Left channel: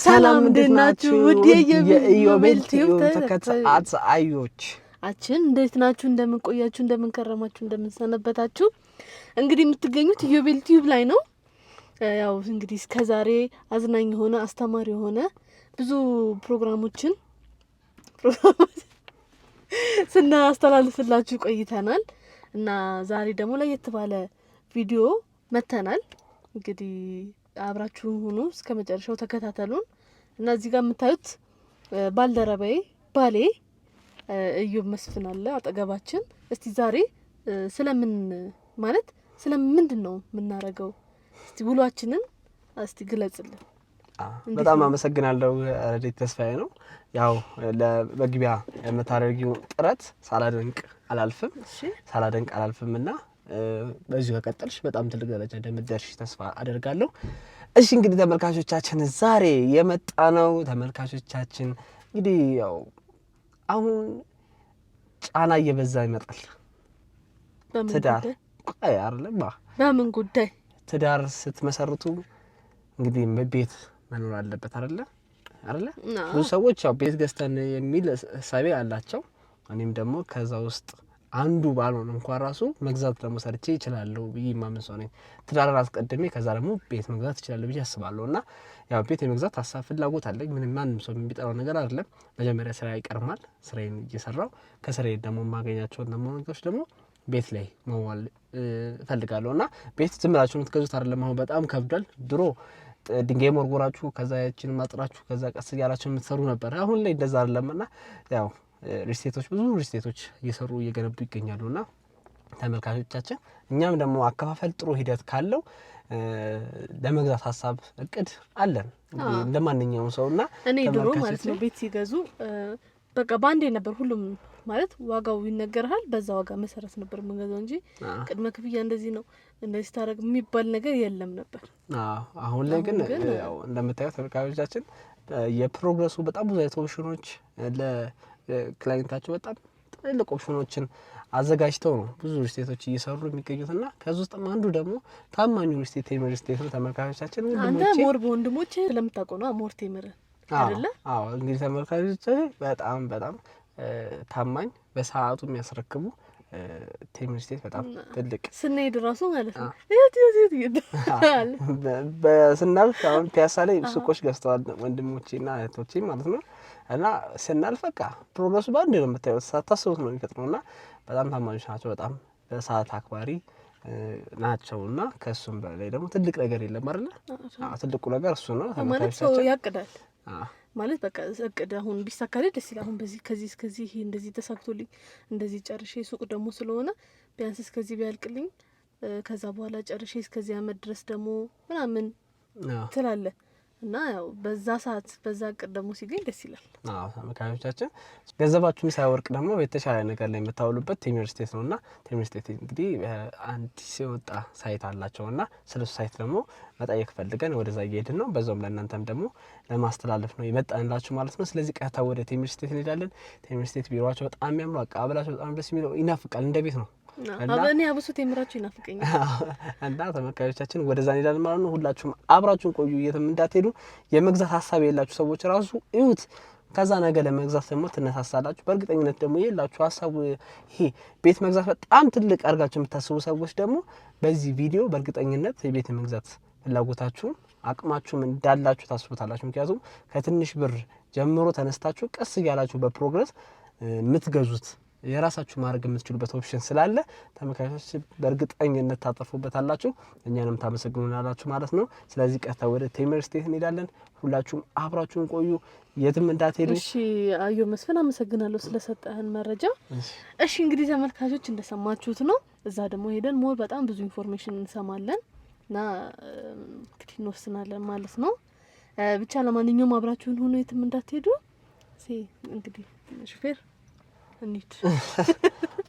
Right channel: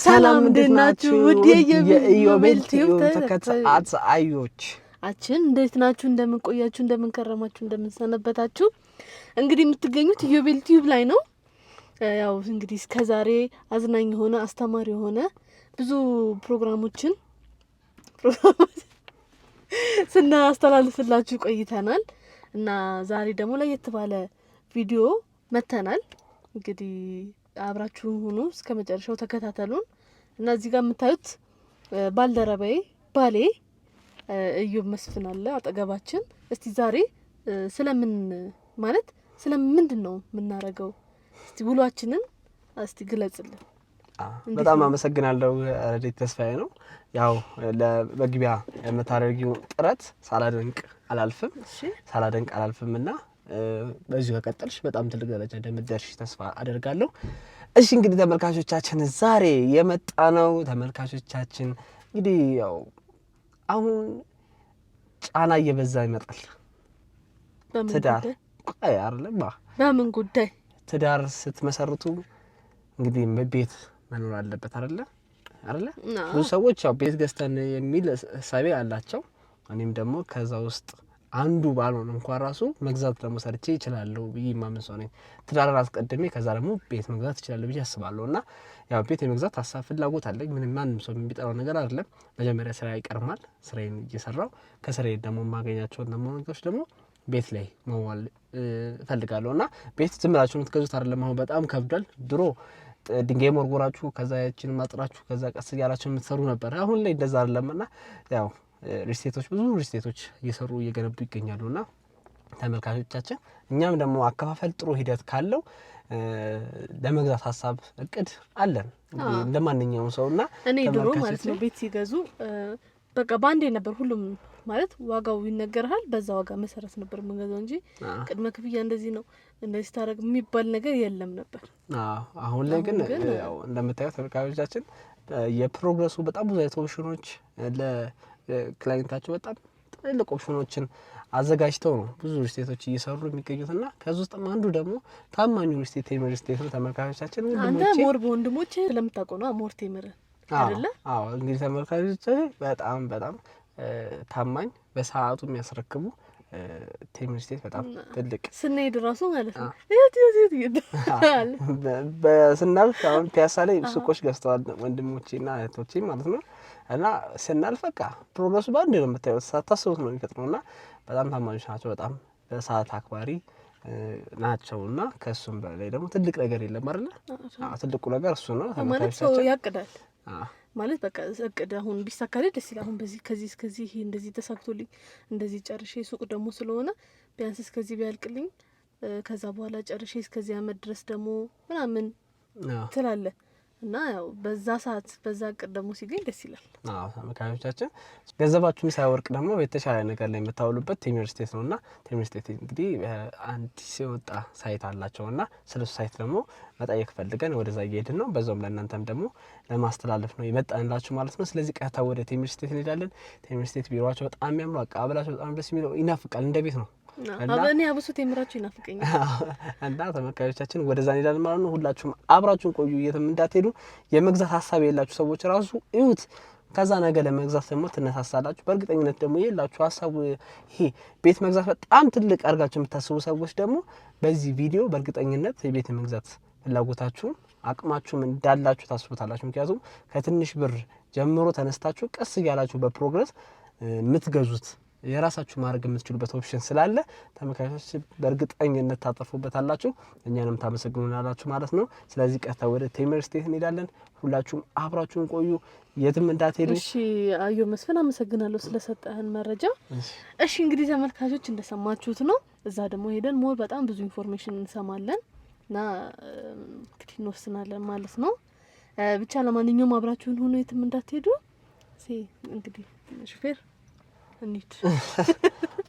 ሰላም እንዴት ናችሁ? ውድ የኢዮቤል ቲዩብ ተከታታዮች እንዴት ናችሁ? እንደምን ቆያችሁ? እንደምን ከረማችሁ? እንደምን ሰነበታችሁ? እንግዲህ የምትገኙት ኢዮቤል ቲዩብ ላይ ነው። ያው እንግዲህ እስከዛሬ አዝናኝ የሆነ አስተማሪ የሆነ ብዙ ፕሮግራሞችን ስናስተላልፍላችሁ ቆይተናል እና ዛሬ ደግሞ ለየት ባለ ቪዲዮ መተናል። እንግዲህ አብራችሁን ሁኑ፣ እስከ መጨረሻው ተከታተሉን እና እዚህ ጋር የምታዩት ባልደረባዬ ባሌ ኢዮብ መስፍን አለ አጠገባችን። እስቲ ዛሬ ስለምን ማለት ስለምንድን ነው የምናረገው? እስቲ ውሏችንን እስቲ ግለጽልን። በጣም አመሰግናለሁ። ረዲት ተስፋዬ ነው። ያው ለመግቢያ የምታደርጊው ጥረት ሳላደንቅ አላልፍምና በዚሁ ከቀጠልሽ በጣም ትልቅ ደረጃ እንደምትደርሺ ተስፋ አደርጋለሁ። እሺ እንግዲህ ተመልካቾቻችን ዛሬ የመጣ ነው ተመልካቾቻችን እንግዲህ ያው አሁን ጫና እየበዛ ይመጣል። ትዳር ቆይ አይደለም በምን ጉዳይ ትዳር ስትመሰርቱ እንግዲህ ቤት መኖር አለበት አይደለ? ብዙ ሰዎች ያው ቤት ገዝተን የሚል ሐሳብ አላቸው። እኔም ደግሞ ከዛ ውስጥ አንዱ ባልሆን እንኳን ራሱ መግዛት ደግሞ ሰርቼ ይችላልው ብዬ ማምን ሰው ነኝ። ትዳር አስቀድሜ ከዛ ደግሞ ቤት መግዛት ይችላል ብዬ አስባለሁና ያው ቤት የመግዛት ሐሳብ ፍላጎት አለኝ። ምንም ማንም ሰው የሚጠራው ነገር አይደለም። መጀመሪያ ስራ ይቀርማል። ስራዬን እየሰራው ከስራዬ ደግሞ ማገኛቸው ነገሮች ደግሞ ቤት ላይ መዋል ፈልጋለሁና ቤት ዝም ብላችሁ የምትገዙት አይደለም። አሁን በጣም ከብዷል። ድሮ ድንጋይ መርጎራችሁ ከዛ ያችን ማጥራችሁ ከዛ ቀስ ያላችሁ የምትሰሩ ነበር። አሁን ላይ እንደዛ አይደለምና ያው ሪስቴቶች ብዙ ሪስቴቶች እየሰሩ እየገነቡ ይገኛሉና ተመልካቾቻችን እኛም ደግሞ አከፋፈል ጥሩ ሂደት ካለው ለመግዛት ሐሳብ እቅድ አለን እንደማንኛውም ሰውና እኔ ድሮ ማለት ነው ቤት ሲገዙ በቃ ባንዴ ነበር ሁሉም ማለት ዋጋው ይነገርሃል። በዛ ዋጋ መሰረት ነበር መንገዛው እንጂ ቅድመ ክፍያ እንደዚህ ነው እንደዚህ ታረግ የሚባል ነገር የለም ነበር። አሁን ላይ ግን ያው እንደምታዩት ተመልካቾቻችን የፕሮግረሱ በጣም ብዙ ኦፕሽኖች ለክላይንታቸው በጣም ትልቅ ኦፕሽኖችን አዘጋጅተው ነው ብዙ ሪስቴቶች እየሰሩ የሚገኙትና ከዚህ ውስጥ አንዱ ደግሞ ታማኙ ሪስቴት ቴምር ሪስቴት ነው። ተመልካቾቻችን አንተ ሞር በወንድሞች ስለምታውቀው ነው ሞር ቴምር አይደለ? አዎ እንግዲህ ተመልካቾቻችን በጣም ታማኝ በሰዓቱ የሚያስረክቡ ቴምር ሪስቴት በጣም ትልቅ ስንሄድ ራሱ ማለት ነው በስናልፍ አሁን ፒያሳ ላይ ሱቆች ገዝተዋል ወንድሞቼና እህቶቼ ማለት ነው። እና ስናልፍ በቃ ፕሮግረሱ ባንዴ ነው የምታዩት፣ ሳታስቡት ነው የሚፈጥነውና በጣም ታማኞች ናቸው። በጣም በሰዓት አክባሪ ናቸውና ከሱም በላይ ደግሞ ትልቅ ነገር የለም አይደል? ትልቁ ነገር እሱ ነው። ማለት ሰው ያቅዳል ማለት በቃ እቅድ አሁን ቢሳካልኝ ደስ ይላል። አሁን በዚህ ከዚህ ይሄ እንደዚህ ተሳክቶልኝ እንደዚህ ጨርሼ ሱቅ ደግሞ ስለሆነ ቢያንስ እስከዚህ ቢያልቅልኝ ከዛ በኋላ ጨርሼ እስከዚህ አመት ድረስ ደግሞ ምናምን ትላለህ እና ያው በዛ ሰዓት በዛ እቅድ ደግሞ ሲገኝ ደስ ይላል። ተመልካቾቻችን ገንዘባችሁን ሳይወርቅ ደግሞ የተሻለ ነገር ላይ የምታውሉበት ቴምር ሪስቴት ነውና ቴምር ሪስቴት እንግዲህ አዲስ የወጣ ሳይት አላቸውና ስለሱ ሳይት ደግሞ መጠየቅ ፈልገን ወደዛ እየሄድን ነው። በዛውም ለእናንተም ደግሞ ለማስተላለፍ ነው የመጣንላችሁ ማለት ነው። ስለዚህ ቀጥታ ወደ ቴምር ሪስቴት እንሄዳለን። ቴምር ሪስቴት ቢሮአቸው በጣም የሚያምሩ አቀባበላቸው በጣም ደስ የሚለው ይናፍቃል። እንደ ቤት ነው። አበኔ አብሶ ቴምራችሁ ይናፍቀኛል እና ተመልካቾቻችን ወደዛ እንሄዳለን ማለት ነው። ሁላችሁም አብራችሁን ቆዩ፣ የትም እንዳትሄዱ። የመግዛት ሐሳብ የላችሁ ሰዎች ራሱ እዩት፣ ከዛ ነገር ለመግዛት ደግሞ ትነሳሳላችሁ። በእርግጠኝነት ደግሞ የላችሁ ሐሳቡ ይሄ ቤት መግዛት በጣም ትልቅ አድርጋችሁ የምታስቡ ሰዎች ደግሞ በዚህ ቪዲዮ በእርግጠኝነት የቤት መግዛት ፍላጎታችሁን አቅማችሁም እንዳላችሁ ታስቡታላችሁ። ምክንያቱም ከትንሽ ብር ጀምሮ ተነስታችሁ ቀስ እያላችሁ በፕሮግረስ የምትገዙት የራሳችሁ ማድረግ የምትችሉበት ኦፕሽን ስላለ ተመልካቾች በእርግጠኝነት ታጠፉበታላችሁ፣ እኛንም ታመሰግኑናላችሁ ማለት ነው። ስለዚህ ቀጥታ ወደ ቴምር ሪስቴት እንሄዳለን። ሁላችሁም አብራችሁን ቆዩ፣ የትም እንዳትሄዱ። እሺ ኢዮብ መስፍን አመሰግናለሁ ስለሰጠህን መረጃ። እሺ እንግዲህ ተመልካቾች እንደሰማችሁት ነው። እዛ ደግሞ ሄደን ሞር በጣም ብዙ ኢንፎርሜሽን እንሰማለን እና እንግዲህ እንወስናለን ማለት ነው። ብቻ ለማንኛውም አብራችሁን ሆኖ የትም እንዳትሄዱ። እንግዲህ ሹፌር እንሂድ፣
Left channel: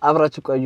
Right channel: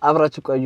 አብራችሁ ቆዩ።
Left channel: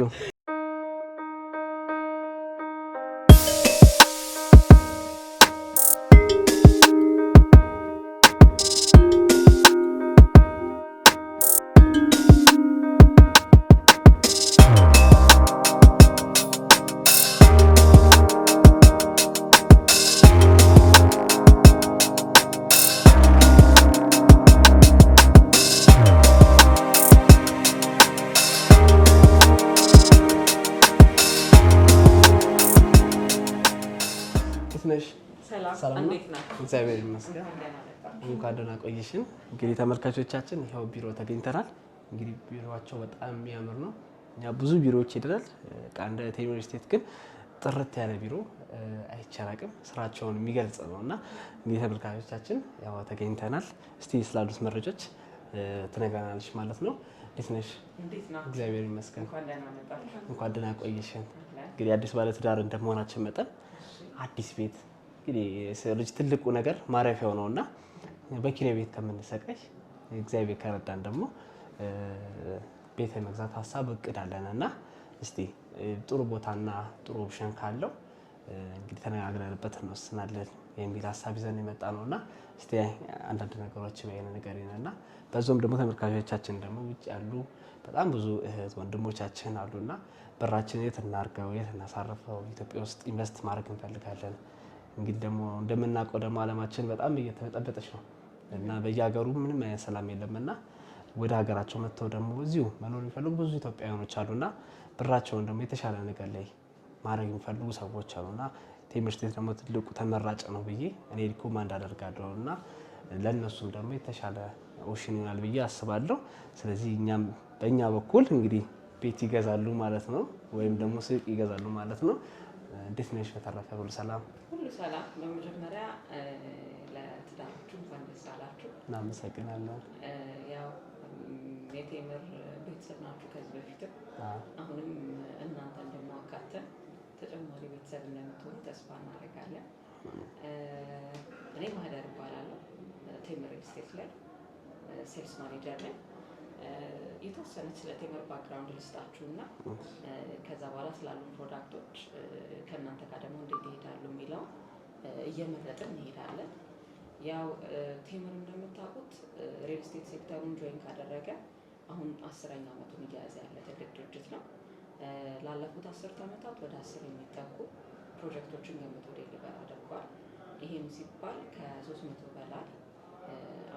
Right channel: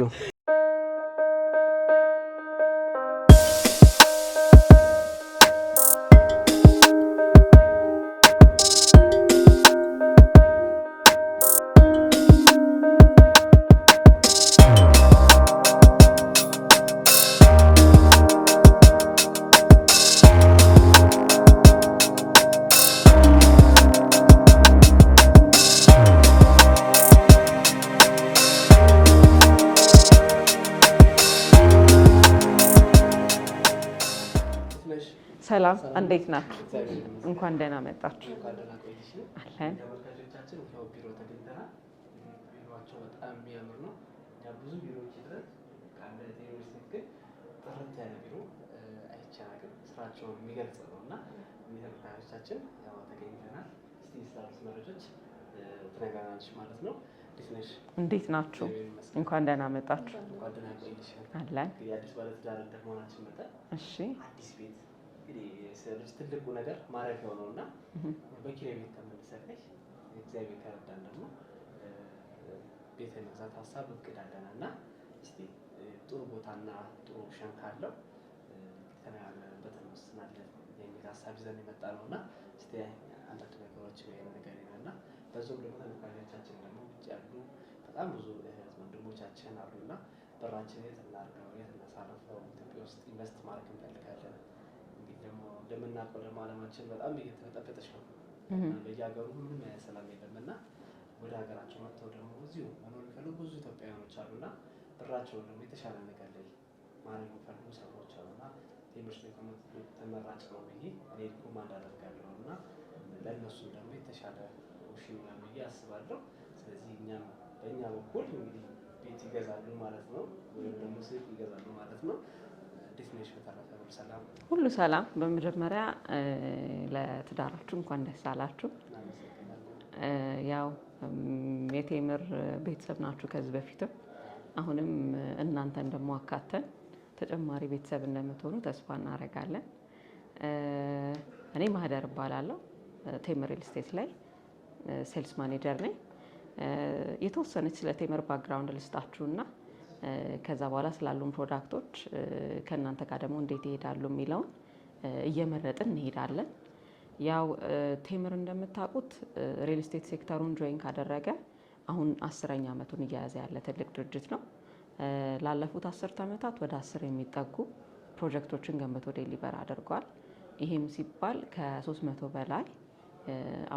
ሰላም እንዴት ናችሁ? እግዚአብሔር ይመስገን። እንኳን ደህና መጣችሁ። እንኳን ደህና ቆይሽን። እንግዲህ ተመልካቾቻችን ይኸው ቢሮ ተገኝተናል። እንግዲህ ቢሮዋቸው በጣም የሚያምር ነው። እኛ ብዙ ቢሮዎች ሄደናል። እንደ ቴምር ስቴት ግን ጥርት ያለ ቢሮ አይቻላቅም ስራቸውን የሚገልጽ ነው እና እንግዲህ ተመልካቾቻችን ያው ተገኝተናል። እስቲ ስላሉት መረጃዎች ትነግራናለች ማለት ነው። እንዴት ነሽ? እንዴት ናችሁ? እግዚአብሔር ይመስገን። እንኳን ደህና መጣችሁ። እንኳን ደህና ቆይሽን። አለን እንግዲህ አዲስ ባለትዳር እንደመሆናችን መጠን አዲስ ቤት እንግዲህ ልጅ ትልቁ ነገር ማረፊያው ነውና በኪራይ ቤት ከምንሰቃይ እግዚአብሔር ከረዳን ደግሞ ቤት የመግዛት ሀሳብ እቅድ አለን እና እስቲ ጥሩ ቦታና ጥሩ ኦፕሽን ካለው እንግዲህ ተነጋግረንበት እንወስናለን የሚል ሀሳብ ይዘን የመጣ ነውና እስቲ አንዳንድ ነገሮች በየነ ነገር ይነና በዛውም ደግሞ ተመልካቾቻችን ደግሞ ውጭ ያሉ በጣም ብዙ እህት ወንድሞቻችን አሉና ብራችን የት እናርገው የት እናሳርፈው ኢትዮጵያ ውስጥ ኢንቨስት ማድረግ እንፈልጋለን። እንግዲህ ደግሞ እንደምናውቀው ደግሞ ዓለማችን በጣም እየተበጠበጠች ነው እና በየሀገሩ ምንም አይነት ሰላም የለምና ወደ ሀገራቸው መጥተው ደግሞ እዚሁ መኖር የሚፈልጉ ብዙ ኢትዮጵያውያኖች አሉና ብራቸውን ደግሞ የተሻለ ነገር ላይ ማድረግ የሚፈልጉ ሰዎች አሉና ቴምር ስቴት ደግሞ ትልቁ ተመራጭ ነው ብዬ እኔ ሪኮማንድ አደርጋለሁ እና ለእነሱም ደግሞ የተሻለ ኦፕሽን ይሆናል ብዬ አስባለሁ። ስለዚህ እኛም በእኛ በኩል እንግዲህ ቤት ይገዛሉ ማለት ነው ወይም ደግሞ ሱቅ ይገዛሉ ማለት ነው። እንዴት ነሽ? በተረፈ ሁሉ ሰላም? ሁሉ ሰላም። በመጀመሪያ ለትዳራችሁ እንኳን ደስ አላችሁ። እናመሰግናለን። ያው የቴምር ቤተሰብ ናችሁ ከዚህ በፊትም አሁንም እናንተን ደግሞ አካተን ተጨማሪ ቤተሰብ እንደምትሆኑ ተስፋ እናደርጋለን። እኔ ማህደር እባላለሁ። ቴምር ሪል ስቴት ላይ ሴልስ ማኔጀር ነኝ። የተወሰነች ስለ ቴምር ባክግራውንድ ልስጣችሁና ከዛ በኋላ ስላሉን ፕሮዳክቶች ከእናንተ ጋር ደግሞ እንዴት ይሄዳሉ የሚለውን እየመረጥን እንሄዳለን። ያው ቴምር እንደምታውቁት ሪል ስቴት ሴክተሩን ጆይን ካደረገ አሁን 10ኛ ዓመቱን እየያዘ ያለ ትልቅ ድርጅት ነው። ላለፉት 10 ዓመታት ወደ 10 የሚጠጉ ፕሮጀክቶችን ገንብቶ ዴሊቨር አድርጓል። ይሄም ሲባል ከ300 በላይ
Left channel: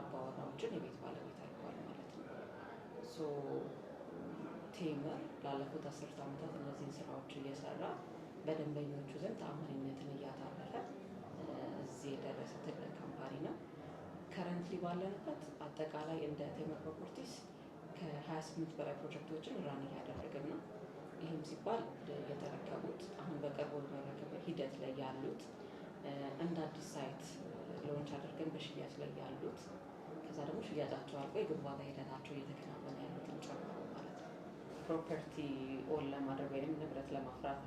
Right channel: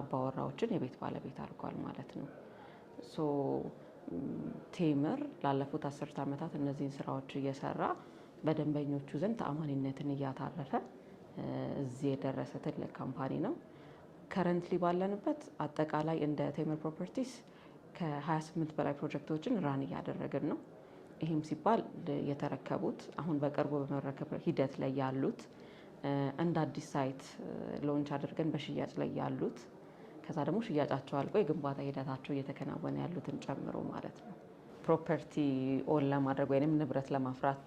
አባወራዎችን የቤት ባለቤት አድርጓል ማለት ነው። ሶ ቴምር ላለፉት 10 ዓመታት እነዚህን ስራዎች እየሰራ በደንበኞቹ ዘንድ ተአማኒነትን እያታረፈ እዚህ የደረሰ ትልቅ ካምፓኒ ነው። ከረንትሊ ባለንበት አጠቃላይ እንደ ቴምር ፕሮፐርቲስ ከ28 በላይ ፕሮጀክቶችን ራን እያደረግን ነው። ይህም ሲባል የተረከቡት አሁን በቅርቡ በመረከብ ሂደት ላይ ያሉት እንደ አዲስ ሳይት ሎንች አድርገን በሽያጭ ላይ ያሉት ከዛ ደግሞ ሽያጫቸው አልቆ የግንባታ ሂደታቸው እየተከናወነ ያሉትን ጨምሮ ማለት ነው። ፕሮፐርቲ ኦን ለማድረግ ወይም ንብረት ለማፍራት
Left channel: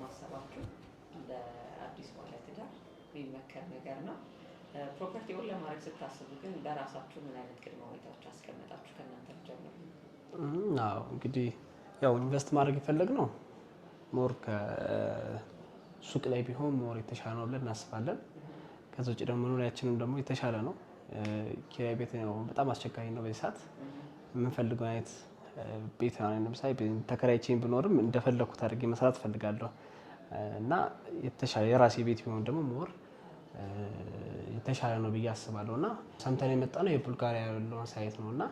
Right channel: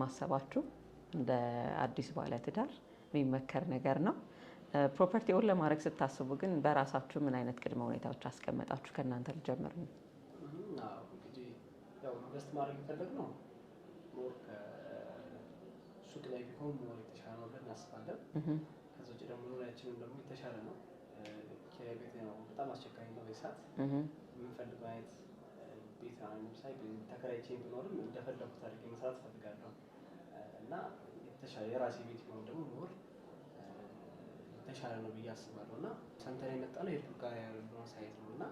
ማሰባችሁ እንደ አዲስ ባለትዳር የሚመከር ነገር ነው። ፕሮፐርቲ ኦን ለማድረግ ስታስቡ ግን በራሳችሁ ምን አይነት ቅድመ ሁኔታዎች አስቀመጣችሁ? ከእናንተ ልጀምር ነው። አዎ እንግዲህ ያው ኢንቨስት ማድረግ የፈለግነው ሞር ከሱቅ ላይ ቢሆን ሞር የተሻለ ነው ብለን እናስባለን። ከዛ ውጭ ደግሞ ኑሪያችንም ደግሞ የተሻለ ነው። ኪራይ ቤት ነው በጣም አስቸጋሪ ነው በዚህ ሰዓት። የምንፈልገው አይነት ቤት ነው። ለምሳሌ ተከራይቼን ብኖርም እንደፈለኩት አድርጌ መስራት ፈልጋለሁ እና የተሻለ የራሴ ቤት ቢሆን ደግሞ ሞር የተሻለ ነው ብዬ አስባለሁ እና ሰምተን የመጣ ነው የቡልጋሪያ ያለውን ሳይት ነው እና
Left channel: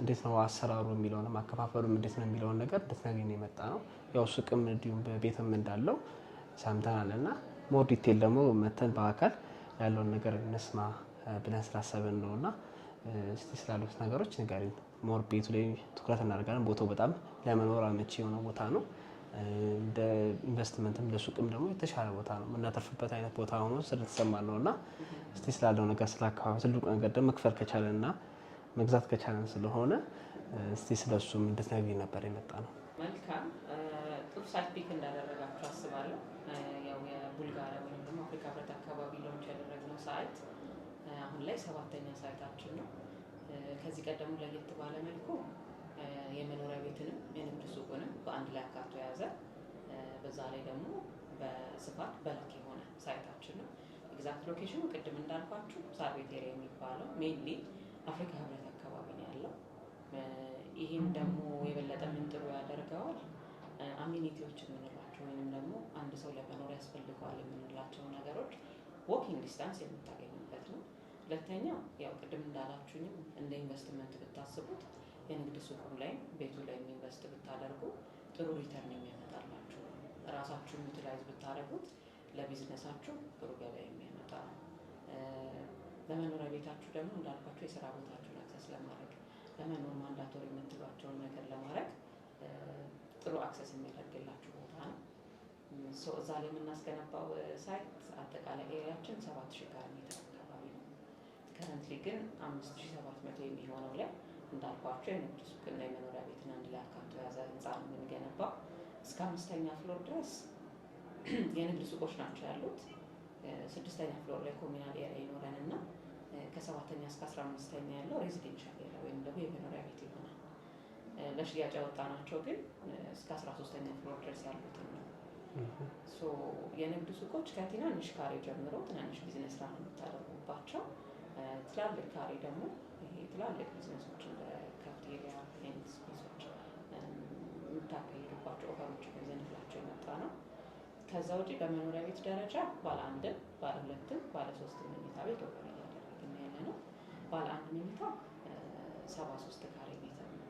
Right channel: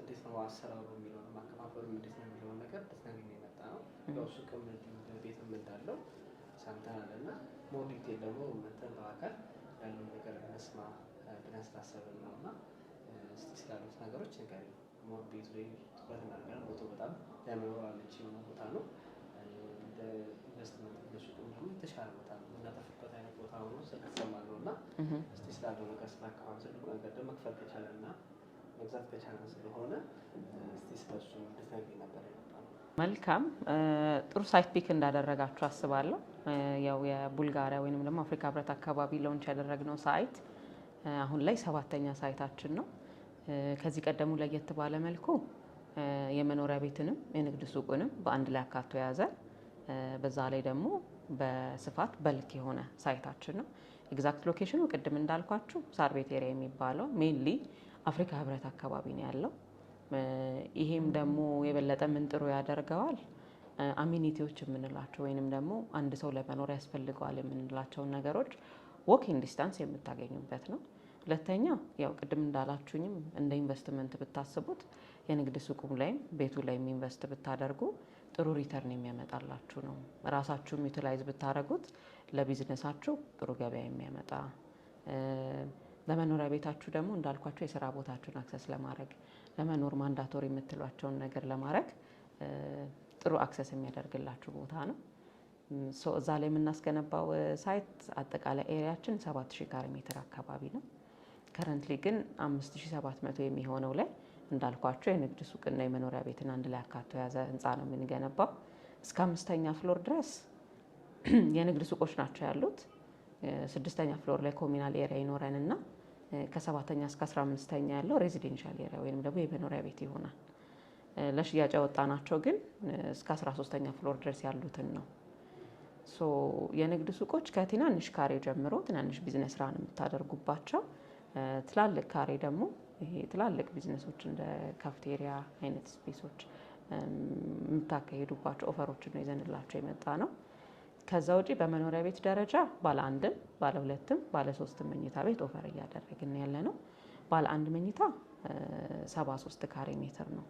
እንዴት ነው አሰራሩ የሚለውንም አከፋፈሉም እንዴት ነው የሚለውን ነገር እንድትነግሪኝ ነው የመጣ ነው። ያው ሱቅም እንዲሁም በቤትም እንዳለው ሰምተናል እና ሞር ዲቴል ደግሞ መተን በአካል ያለውን ነገር እንስማ ብለን ስላሰብን ነው እና እስቲ ስላሉት ነገሮች ንገሪኝ። ሞር ቤቱ ላይ ትኩረት እናደርጋለን። ቦታው በጣም ለመኖር አመቺ የሆነ ቦታ ነው። እንደ ኢንቨስትመንትም ለሱቅም ደግሞ የተሻለ ቦታ ነው። የምናተርፍበት አይነት ቦታ ሆኖ ስለተሰማን ነው እና እስቲ ስላለው ነገር ስላካባቢ ትልቁ ነገር ደግሞ መክፈል ከቻለንና መግዛት ከቻለን ስለሆነ እስቲ ስለሱም እንድትነግሪኝ ነበር የመጣ ነው። መልካም ጥሩ ሳይት ፒክ እንዳደረጋችሁ አስባለሁ። ያው የቡልጋሪያ ወይንም ደግሞ አፍሪካ ህብረት አካባቢ ሎንች ያደረግነው ሳይት አሁን ላይ 7ኛ ሳይታችን ነው። ከዚህ ቀደሙ ለየት ባለ መልኩ የመኖሪያ ቤትንም የንግድ ሱቁንም በአንድ ላይ አካቶ የያዘ በዛ ላይ ደግሞ በስፋት በልክ የሆነ ሳይታችን ነው። ኤግዛክት ሎኬሽኑ ቅድም እንዳልኳችሁ ሳር ቤት ኤሪያ የሚባለው ሜንሊ አፍሪካ ህብረት አካባቢ ነው ያለው። ይሄም ደግሞ የበለጠ ምን ጥሩ ያደርገዋል አሚኒቲዎች የምንላቸው ወይንም ደግሞ አንድ ሰው ለመኖር ያስፈልገዋል የምንላቸውን ነገሮች ዎኪንግ ዲስታንስ የምታገኙበት ነው። ሁለተኛ ያው ቅድም እንዳላችሁኝም እንደ ኢንቨስትመንት ብታስቡት የንግድ ሱቁም ላይ ቤቱ ላይ ኢንቨስት ብታደርጉ ጥሩ ሪተርን የሚያመጣላችሁ ነው። ራሳችሁም ዩቲላይዝ ብታደርጉት ለቢዝነሳችሁ ጥሩ ገበያ የሚያመጣ ለመኖሪያ ቤታችሁ ደግሞ እንዳልኳቸው የስራ ቦታችሁን አክሰስ ለማድረግ ለመኖር ማንዳቶሪ የምትሏቸውን ነገር ለማድረግ ጥሩ አክሰስ የሚያደርግላችሁ ቦታ ነው። እዛ ላይ የምናስገነባው ሳይት አጠቃላይ ኤሪያችን 7000 ካሬ ሜትር አካባቢ ነው። ከረንትሊ ግን 5700 የሚሆነው ላይ እንዳልኳቸው የንግድ ሱቅና የመኖሪያ ቤትን አንድ ላይ አካቶ የያዘ ህንፃ ነው የምንገነባው። እስከ 5ኛ ፍሎር ድረስ የንግድ ሱቆች ናቸው ያሉት። 6ኛ ፍሎር ላይ ኮሚናል ኤሪያ ይኖረንና ከ7ኛ እስከ 15ኛ ያለው ሬዚደንሻል ኤሪያ ወይም ደግሞ የመኖሪያ ቤት ይሆናል። ለሽያጭ ያወጣናቸው ግን እስከ 13ኛ ፍሎር ድረስ ያሉትን ነው። የንግድ ሱቆች ከትናንሽ ካሬ ጀምሮ ትናንሽ ቢዝነስ ስራ ነው የምታደርጉባቸው። ትላልቅ ካሬ ደግሞ ይሄ ትላልቅ ቢዝነሶች እንደ ካፍቴሪያ አይነት ስፔሶች የምታካሂዱባቸው ኦፈሮችን ነው ይዘንላቸው የመጣ ነው። ከዛ ውጪ በመኖሪያ ቤት ደረጃ ባለ 1፣ ባለ 2፣ ባለ 3 መኝታ ቤት ኦፈር እያደረግን ያለ ነው። ባለ 1 መኝታ 73 ካሬ ሜትር ነው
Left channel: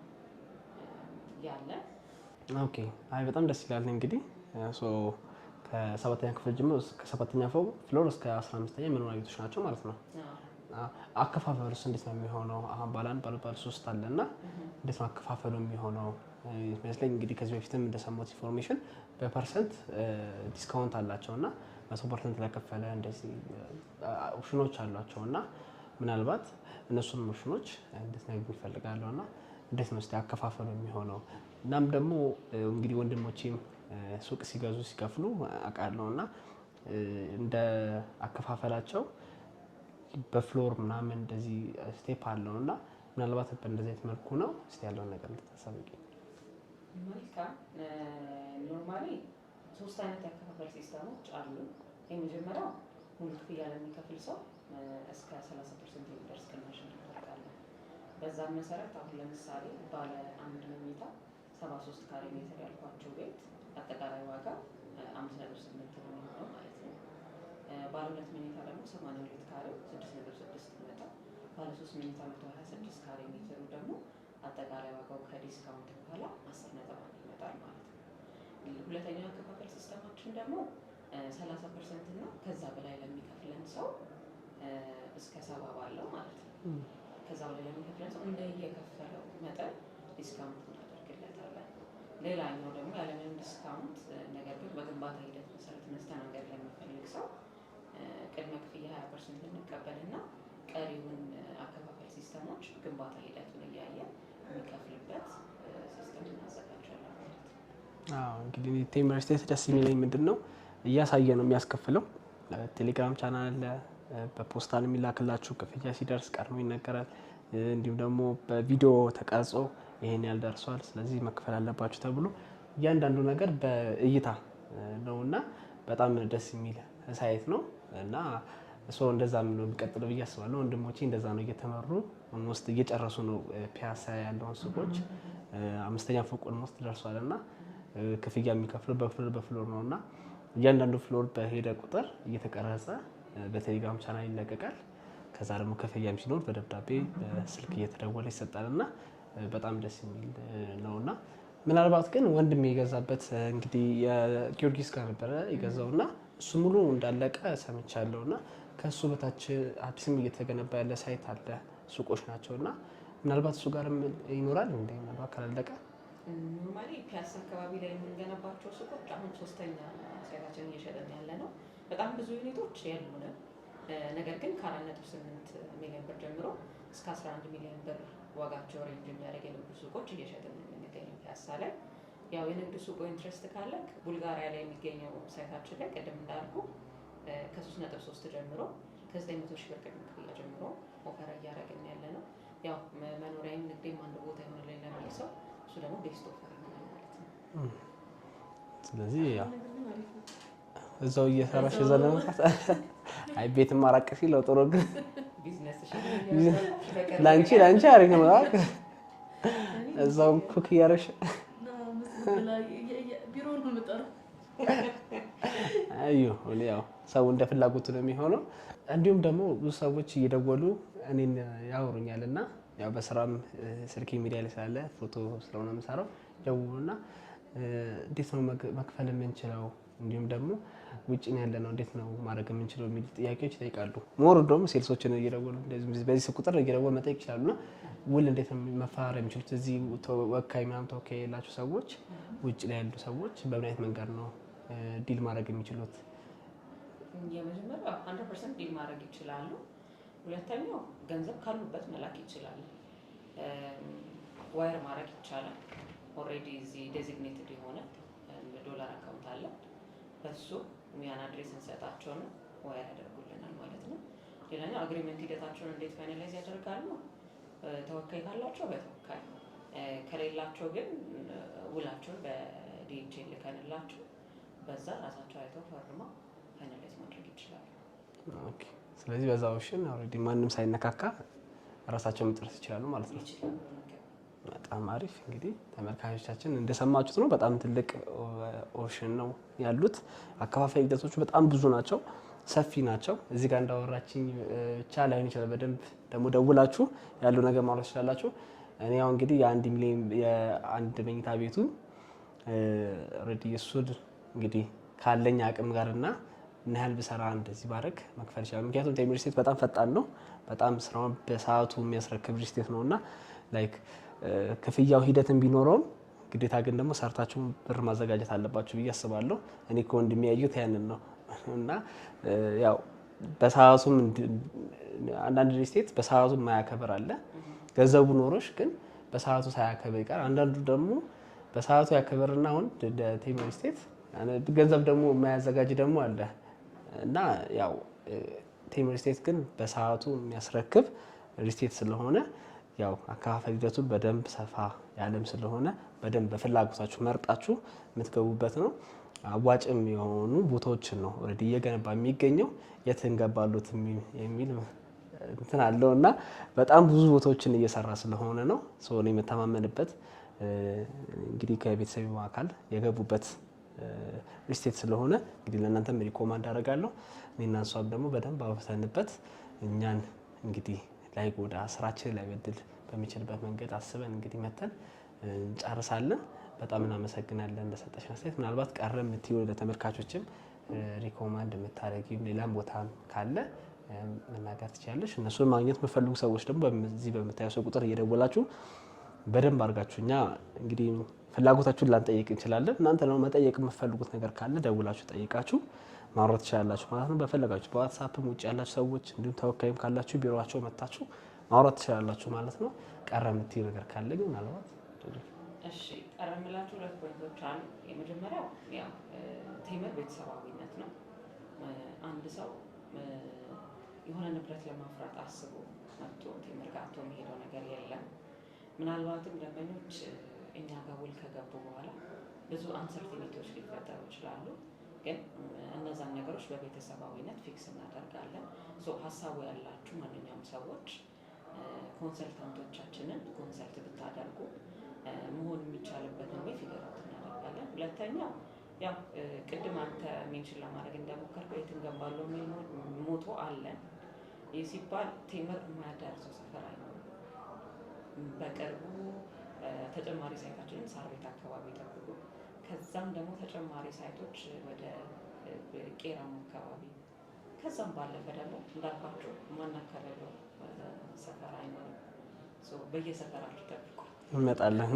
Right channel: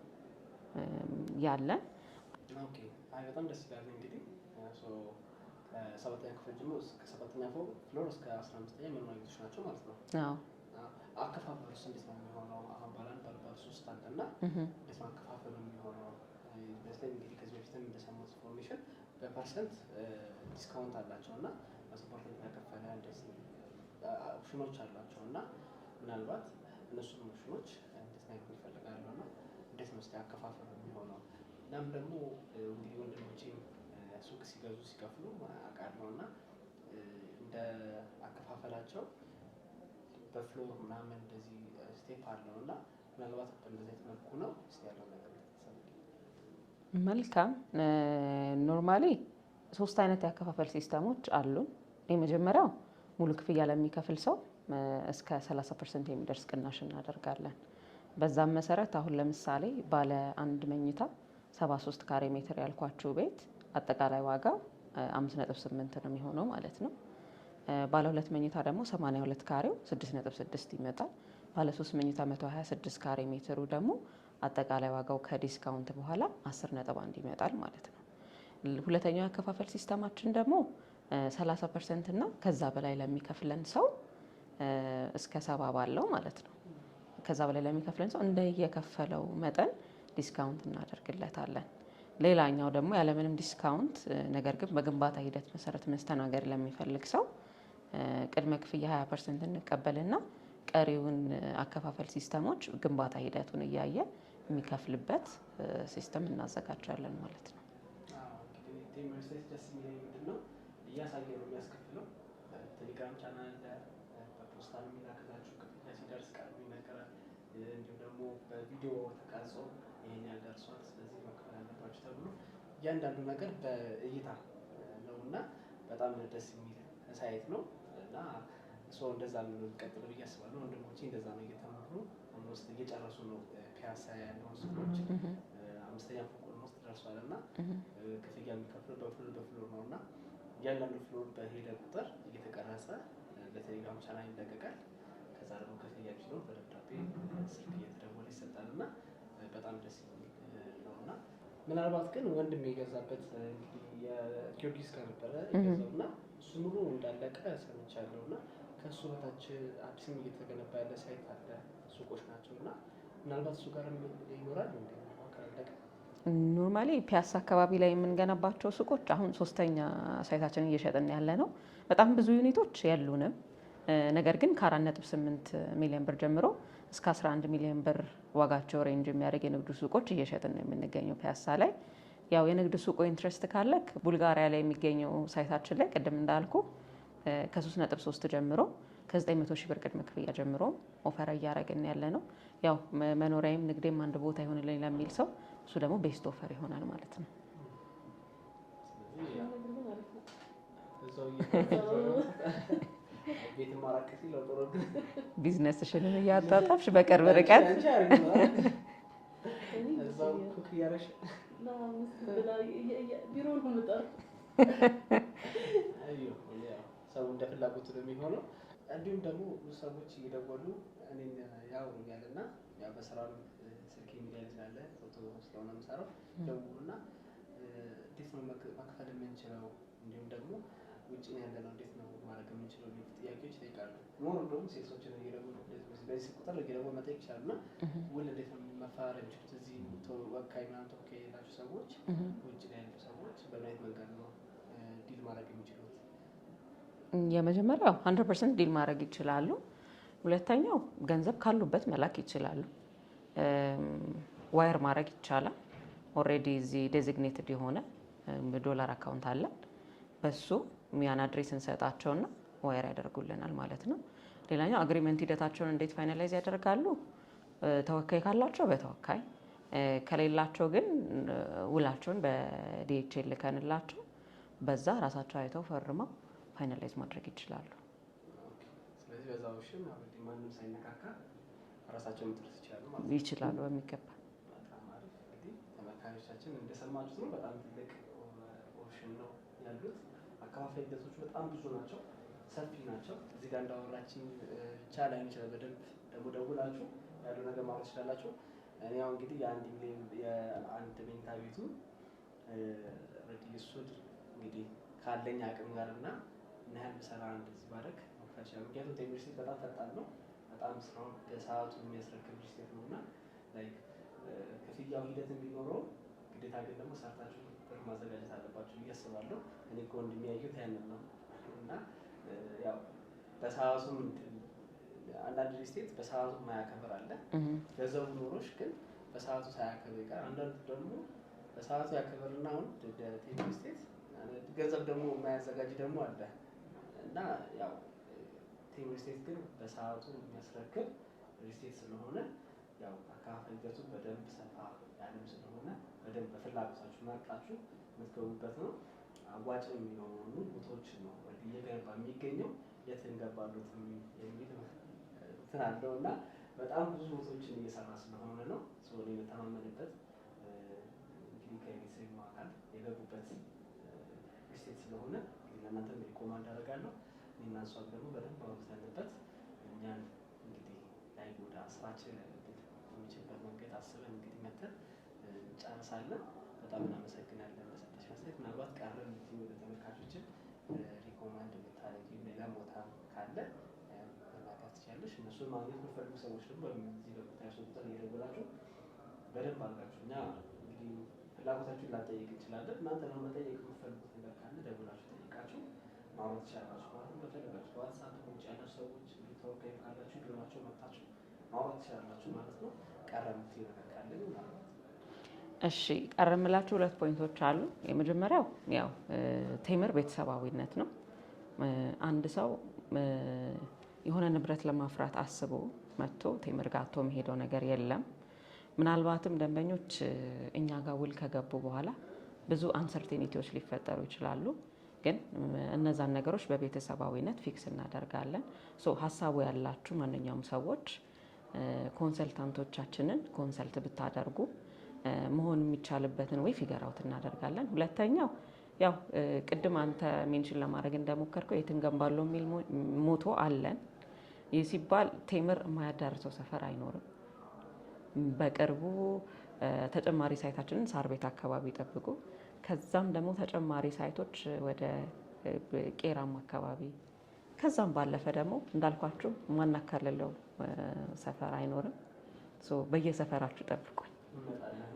ያለ። ኦኬ አይ በጣም ደስ ይላል። እንግዲህ ከ7ኛ ክፍል ጀምሮ እስከ 7ኛ ፍሎር እስከ 15ኛ መኖሪያ ቤቶች ናቸው ማለት ነው። አከፋፈሉስ እንዴት ነው የሚሆነው? አሁን ባለ 1 ባለ 3 አለና እንዴት ነው አከፋፈሉ የሚሆነው? ይመስለኝ እንግዲህ ከዚህ በፊትም እንደሰማሁት ኢንፎርሜሽን በፐርሰንት ዲስካውንት አላቸውና 100% ለከፈለ እንደዚህ ኦፕሽኖች አሏቸውና ምናልባት እነሱን ኦፕሽኖች እንድትነግሩኝ እፈልጋለሁና እንዴት ነው አከፋፈሉ የሚሆነው? እናም ደግሞ እንግዲህ ወንድሞቼም ሱቅ ሲገዙ ሲከፍሉ አውቃለሁና እንደ አከፋፈላቸው በፍሎር ምናምን እንደዚህ ስቴፕ አለውና ምናልባት በእንደዚህ አይነት መልኩ ነው እስቲ ያለውን ነገር እንድታሳውቂ። መልካም። ኖርማሊ 3 አይነት የአከፋፈል ሲስተሞች አሉ። የመጀመሪያው ሙሉ ክፍያ ለሚከፍል ሰው እስከ 30% የሚደርስ ቅናሽ እናደርጋለን። በዛም መሰረት አሁን ለምሳሌ ባለ 1 መኝታ 73 ካሬ ሜትር ያልኳችሁ ቤት አጠቃላይ ዋጋ 5.8 ነው የሚሆነው ማለት ነው። ባለ 2 መኝታ ደግሞ 82 ካሬው 6.6 ይመጣል። ባለ 3 መኝታ 126 ካሬ ሜትሩ ደግሞ አጠቃላይ ዋጋው ከዲስካውንት በኋላ 10.1 ይመጣል ማለት ነው። ሁለተኛው ያከፋፈል ሲስተማችን ደግሞ 30% እና ከዛ በላይ ለሚከፍለን ሰው እስከ 70 ባለው ማለት ነው። ከዛ በላይ ለሚከፍለን ሰው እንደየከፈለው መጠን ዲስካውንት እናደርግለታለን። ሌላኛው ደግሞ ያለምንም ዲስካውንት ነገር ግን በግንባታ ሂደት መሰረት መስተናገድ ለሚፈልግ ሰው ቅድመ ክፍያ 20% እንቀበልና ቀሪውን አከፋፈል ሲስተሞች ግንባታ ሂደቱን እያየ የሚከፍልበት ሲስተም እናዘጋጃለን ማለት ነው። እንግዲህ ቴምር ስቴት ደስ የሚለኝ ምንድነው እያሳየ ነው የሚያስከፍለው። ቴሌግራም ቻናል አለ፣ በፖስታ የሚላክላችሁ ክፍያ ሲደርስ ቀድሞ ይነገራል። እንዲሁም ደግሞ በቪዲዮ ተቀርጾ ይሄን ያልደርሷል ስለዚህ መክፈል አለባችሁ ተብሎ እያንዳንዱ ነገር በእይታ ነውና በጣም ደስ የሚል ሳይት ነው እና እንደዛ ነው የሚቀጥለው ብዬ አስባለሁ። ወንድሞቼ እንደዛ ነው እየተመሩ ውስጥ እየጨረሱ ነው። ፒያሳ ያለውን ሱቆች 5ኛ ፎቅ ውስጥ ደርሷልና ክፍያ የሚከፍለው በፍሎር ነውና እያንዳንዱ ፍሎር በሄደ ቁጥር እየተቀረጸ በቴሌግራም ቻናል ይለቀቃል። ከዛ ደግሞ ክፍያም ሲኖር በደብዳቤ በስልክ እየተደወለ ይሰጣልና በጣም ደስ የሚል ነውና ምናልባት ግን ወንድሜ የገዛበት እንግዲህ የጊዮርጊስ ጋር ነበረ የገዛውና እሱ ሙሉ እንዳለቀ ሰምቻለሁና ከሱ በታች አዲስም እየተገነባ ያለ ሳይት አለ ሱቆች ናቸውና ምናልባት እሱ ጋርም ይኖራል እንዴ? ምናልባት ካላለቀ ኖርማሊ ፒያሳ አካባቢ ላይ የምንገነባቸው ሱቆች አሁን 3ኛ ሳይታችን እየሸጥን ያለ ነው። በጣም ብዙ ዩኒቶች ያሉንም ነገር ግን ከ4.8 ሚሊዮን ብር ጀምሮ እስከ 11 ሚሊዮን ብር ዋጋቸው ሬንጅ የሚያደርግ የንግድ ሱቆች እየሸጥን ነው የምንገኘው ፒያሳ ላይ። ያው የንግድ ሱቁ ኢንትረስት ካለክ ቡልጋሪያ ላይ የሚገኘው ሳይታችን ላይ ቅድም እንዳልኩ ከ3.3 ጀምሮ ከ900 ሺህ ብር ቅድመ ክፍያ ጀምሮ ኦፈር እያደረግን ያለ ነው። ያው መኖሪያም ንግዴም አንድ ቦታ ይሆንልኝ ለሚል ሰው እሱ ደግሞ ቤስት ኦፈር ይሆናል ማለት ነው። ስለዚህ ያው እዛው እየሰራሽ ዘለመጣ አይ ቤት ማራቀ ሲለው ጥሩ ግን ቢዝነስሽን እያጣጣፍሽ በቀር አንቺ አሪፍ ነው። እዛው ኩክ እያረሽ ቢሮውን ምጠር ያው ሰው እንደ ፍላጎቱ ነው የሚሆነው። እንዲሁም ደግሞ ብዙ ሰዎች እየደወሉ እኔን ያወሩኛልና ያው በስራም ስልክ ሚዲያ ላይ ስላለ ፎቶ ስለሆነ የምሰራው ደውሉና እንዴት ነው መክፈል የምንችለው እንዲሁም ደግሞ ውጭ ነው ያለነው እንዴት ነው ማድረግ የምንችለው የሚል ጥያቄዎች ይጠይቃሉ። ሞር እንደውም ሴልሶችን እየደወሉ እንደዚህ በዚህ ቁጥር እየደወሉ መጠየቅ ይችላሉና ውል እንዴት ነው መፋረም የሚችሉት? እዚህ ወካይ ምናምን ተወካይ የሌላቸው ሰዎች ውጭ ላይ ያሉ ሰዎች በምን አይነት መንገድ ነው ዲል ማድረግ የሚችሉት? የመጀመሪያው 100% ዲል ማድረግ ይችላሉ። ሁለተኛው ገንዘብ ካሉበት መላክ ይችላሉ። ዋየር ማድረግ ይቻላል። ኦልሬዲ እዚህ ዴዚግኔትድ የሆነ ዶላር አካውንት አለን። በሱ ያን አድሬስ እንሰጣቸውና ዋየር ያደርጉልናል ማለት ነው። ሌላኛው አግሪመንት ሂደታቸውን እንዴት ፋይናላይዝ ያደርጋሉ? ተወካይ ካላቸው በተወካይ ከሌላቸው ግን ውላቸውን በዲኤችኤል ልከንላቸው በዛ ራሳቸው አይተው ፈርመው ፋይናላይዝ ማድረግ ይችላሉ። ኦኬ። ስለዚህ በዛ ኦፕሽን ኦልሬዲ ማንም ሳይነካካ ራሳቸው መጨረስ ይችላሉ ማለት ነው። ይችላሉ በሚገባ። በጣም አሪፍ። እንግዲህ ተመልካቾቻችን እንደሰማችሁት ነው። በጣም ትልቅ ኦፕሽን ነው ያሉት። አከፋፋይ ሂደቶቹ በጣም ብዙ ናቸው፣ ሰፊ ናቸው። እዚህ ጋር እንዳወራችኝ ብቻ ላይሆን ይችላል። በደንብ ደግሞ ደውላችሁ ያለው ነገር ማለት ትችላላችሁ። እኔ ያው እንግዲህ የ1 ሚሊዮን የአንድ መኝታ ቤቱ ኦልሬዲ እሱን እንግዲህ ካለኝ አቅም ጋርና ምን ያህል ብሰራ እንደዚህ ባረግ መክፈል ይችላል። ምክንያቱም ቴምር ስቴት በጣም ፈጣን ነው። በጣም ስራውን በሰዓቱ የሚያስረክብ ስቴት ነውና ላይክ ክፍያው ሂደትን ቢኖረውም ግዴታ ግን ደግሞ ሰርታችሁ ብር ማዘጋጀት አለባችሁ ብዬ አስባለሁ። እኔ ከወንድሜ ያየሁት ያንን ነው እና ያው በሰዓቱም አንዳንድ ስቴት በሰዓቱ የማያከብር አለ። ገንዘቡ ኖሮሽ ግን በሰዓቱ ሳያከብር ይቀር። አንዳንዱ ደግሞ በሰዓቱ ያከብርና አሁን ቴምር ስቴት ገንዘብ ደግሞ የማያዘጋጅ ደግሞ አለ እና ያው ቴምር ስቴት ግን በሰዓቱ የሚያስረክብ ሪስቴት ስለሆነ ያው አከፋፈል ሂደቱን በደንብ ሰፋ ያለም ስለሆነ በደንብ በፍላጎታችሁ መርጣችሁ የምትገቡበት ነው። አዋጭም የሆኑ ቦታዎችን ነው ኦልሬዲ እየገነባ የሚገኘው። የት እንገባሉት የሚል እንትን አለው እና በጣም ብዙ ቦታዎችን እየሰራ ስለሆነ ነው እኔ የምተማመንበት። እንግዲህ ከቤተሰብ አካል የገቡበት ሪስቴት ስለሆነ እንግዲህ ለእናንተም ሪኮማንድ አደርጋለሁ። እኔና እሷም ደግሞ በደንብ አውርተንበት እኛን እንግዲህ ላይጎዳ ስራችን ላይበድል በሚችልበት መንገድ አስበን እንግዲህ መተን እንጨርሳለን። በጣም እናመሰግናለን ለሰጠሽን አስተያየት። ምናልባት ቀረ የምትይው ለተመልካቾችም ሪኮማንድ የምታደርጊው ሌላም ቦታ ካለ መናገር ትችላለሽ። እነሱን ማግኘት የምትፈልጉ ሰዎች ደግሞ በዚህ በምታየው ሰው ቁጥር እየደወላችሁ በደንብ አድርጋችሁ እኛ እንግዲህ ፍላጎታችሁን ላንጠይቅ እንችላለን። እናንተ ነው መጠየቅ የምትፈልጉት ነገር ካለ ደውላችሁ ጠይቃችሁ ማውራት ትችላላችሁ ማለት ነው። በፈለጋችሁ በዋትስአፕም ውጭ ያላችሁ ሰዎች እንዲሁም ተወካይም ካላችሁ ቢሮአቸው መጣችሁ ማውራት ትችላላችሁ ማለት ነው። ቀረ የምትይው ነገር ካለ ግን ምናልባት እሺ፣ ቀረ የምላችሁ 2 ፖይንቶች አሉ። የመጀመሪያው ያው ቴምር ቤተሰባዊነት ነው። አንድ ሰው የሆነ ንብረት ለማፍራት አስቦ መጥቶ ቴምር ጋር አቶ የሚሄደው ነገር የለም። ምናልባትም ደንበኞች እኛ ጋር ውል ከገቡ በኋላ ብዙ አንሰርቴኒቲዎች ሊፈጠሩ ይችላሉ። ግን እነዛን ነገሮች በቤተሰባዊነት ፊክስ እናደርጋለን። ሀሳቡ ያላችሁ ማንኛውም ሰዎች ኮንሰልታንቶቻችንን ኮንሰልት ብታደርጉ መሆን የሚቻልበትን ወይ ፊገር አውት እናደርጋለን። ሁለተኛው ያው ቅድም አንተ ሜንሽን ለማድረግ እንደሞከርከው የት እንገንባለው የሚል ሞቶ አለን። ይህ ሲባል ቴምር የማያዳርሰው ሰፈር አይኖርም። በቅርቡ ተጨማሪ ሳይታችንን ሳር ቤት አካባቢ ይጠብቁ። ከዛም ደግሞ ተጨማሪ ሳይቶች ወደ ቄራም አካባቢ ከዛም ባለፈ ደግሞ እንዳልኳችሁ ማናካለለው ሰፈር አይኖርም። በየሰፈራችሁ ጠብቁኝ፣ እንመጣለን።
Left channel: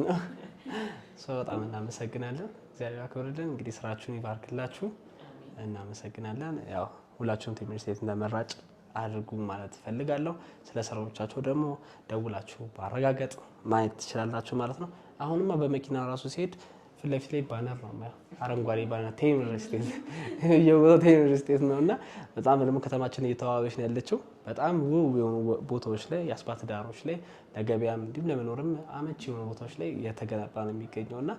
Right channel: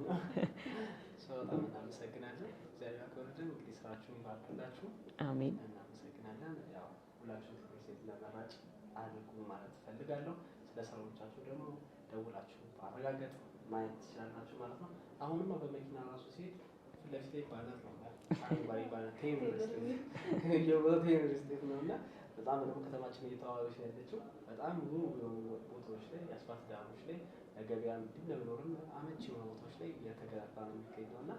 በጣም እናመሰግናለን። እግዚአብሔር ያክብርልን። እንግዲህ ስራችሁን ይባርክላችሁ። አሜን። እናመሰግናለን። ያው ሁላችሁም ቴምር ስቴት እንደመራጭ አድርጉ ማለት እፈልጋለሁ። ስለ ስራዎቻቸው ደግሞ ደውላችሁ ማረጋገጥ ማየት ትችላላችሁ ማለት ነው። አሁንማ በመኪና ራሱ ሲሄድ ፊት ለፊት ላይ ባነር ነው ማለት አረንጓዴ ባነር ቴምር ስቴት የቦታው ቴምር ስቴት ነውና በጣም ደግሞ ከተማችን እየተዋበች ነው ያለችው። በጣም ውብ የሆኑ ቦታዎች ላይ የአስፓልት ዳሮች ላይ ለገበያም እንዲሁም ለመኖርም አመቺ የሆኑ ቦታዎች ላይ እየተገነባ ነው የሚገኘውና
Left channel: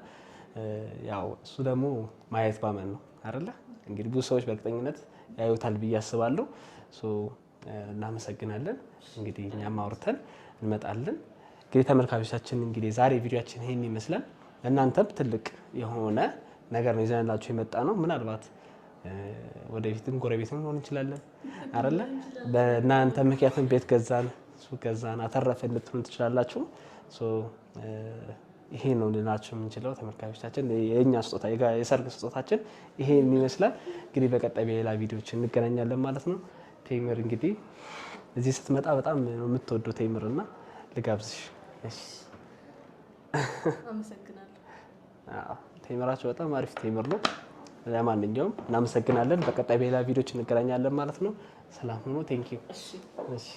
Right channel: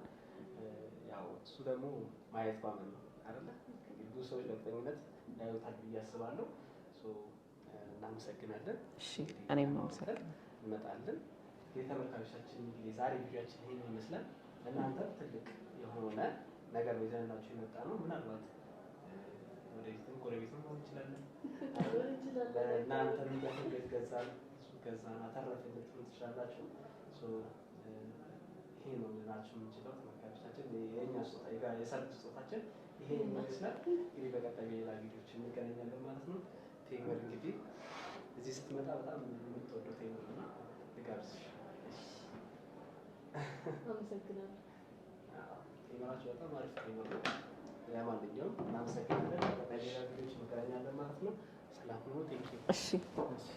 ያው እሱ ደግሞ ማየት ባመን ነው አይደለ? እንግዲህ ብዙ ሰዎች በእርግጠኝነት ያዩታል ብዬ አስባለሁ። እናመሰግናለን። እንግዲህ እኛም አውርተን እንመጣለን። እንግዲህ ተመልካቾቻችን እንግዲህ ዛሬ ቪዲዮአችን ይሄን ይመስላል። እናንተም ትልቅ የሆነ ነገር ነው ይዘንላችሁ የመጣ ነው። ምናልባት ወደፊትም ጎረቤትም ሆን እንችላለን አይደለ? በእናንተ ምክንያቱም ቤት ገዛን፣ ሱቅ ገዛን፣ አተረፈን ልትሉ ትችላላችሁ። ይሄ ነው ልናችሁ የምንችለው ተመልካቾቻችን። የእኛ ስጦታ የሰርግ ስጦታችን ይሄን ይመስላል። እንግዲህ በቀጣይ በሌላ ቪዲዮዎች እንገናኛለን ማለት ነው። ቴምር እንግዲህ እዚህ ስትመጣ በጣም ነው የምትወደው ቴምርና ልጋብዝሽ። እሺ አመሰግናለሁ። ቴምራቸው በጣም አሪፍ ቴምር ነው። ለማንኛውም እናመሰግናለን። በቀጣይ በሌላ ቪዲዮዎች እንገናኛለን ማለት ነው። ሰላም ሁኑ። ቴንክ ዩ። እሺ እሺ